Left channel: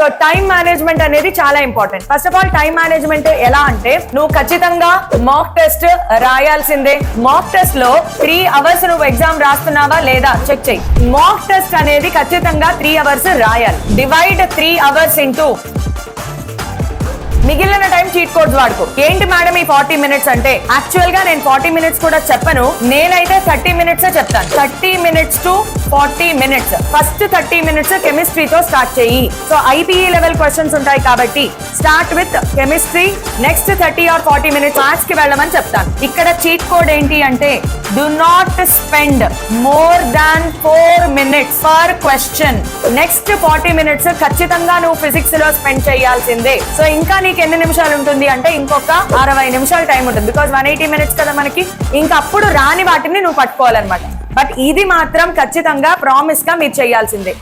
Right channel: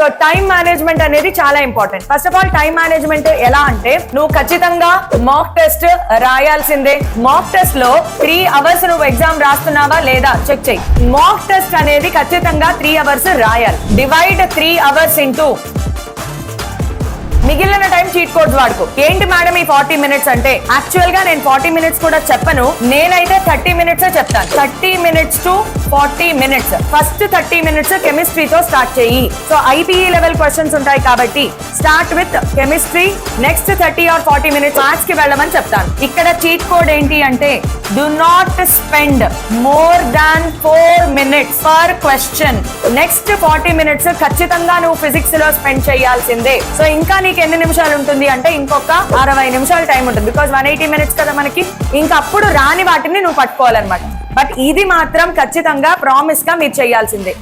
So time management అనేది చాలా important. First of all time management ఎలా అంటే నువ్వు ఖచ్చితంగా మాక్ టెస్ట్ రాయాల్సిందే. మాక్ టెస్ట్ లో 3 hours నువ్వు ఎగ్జామ్ రాస్తున్నావా లేదా చెక్ చెయ్యి. మాక్ టెస్ట్ అనేది ఖచ్చితంగా 3 hours రాయాలి. డివైడ్ 3 hours ఇంటూ మిగిలిన టైం చీట్ కోడ్స్ వాడుకో. ఏంటి మేడం ఈ 40 minutes అంటే, యాక్చువల్ గా నేను 40 minutes కూడా చెప్పను, నేనైతే 30 minutes చెప్తాను. 30 minutes to 40 minutes. First 30 minutes కెమిస్ట్రీతో స్టార్ట్ చెయ్యి. సో ఐపీఈ లెవెల్ క్వశ్చన్స్ ఉంటాయి కాబట్టి start with chemistry. Next 30 or 40 minutes maths కి వెళ్ళమని చెప్తాను. ఇక్కడ చీట్ కోడ్ ఏంటి అంటే do not spend more than 4 minutes per question. Next 40 minutes ఖచ్చితంగా నువ్వు ఫిజిక్స్ లో స్పెండ్ చేయాల్సిందే. సో ఇంకా నీకు ఎన్ని నిమిషాలు ఉంటుంది అంటే ఇంకొక 60 నిమిషాలు టైం ఉంటుంది. బికాస్ 180 minutes కదా మనకి. ఇంకా అప్పుడు రాని వాటిని నువ్వు పట్టుకోవాలన్నమాట. బట్ ఇది మాత్రం ఖచ్చితంగా ప్రామిస్ గా మీరు చేయాల్సిందే.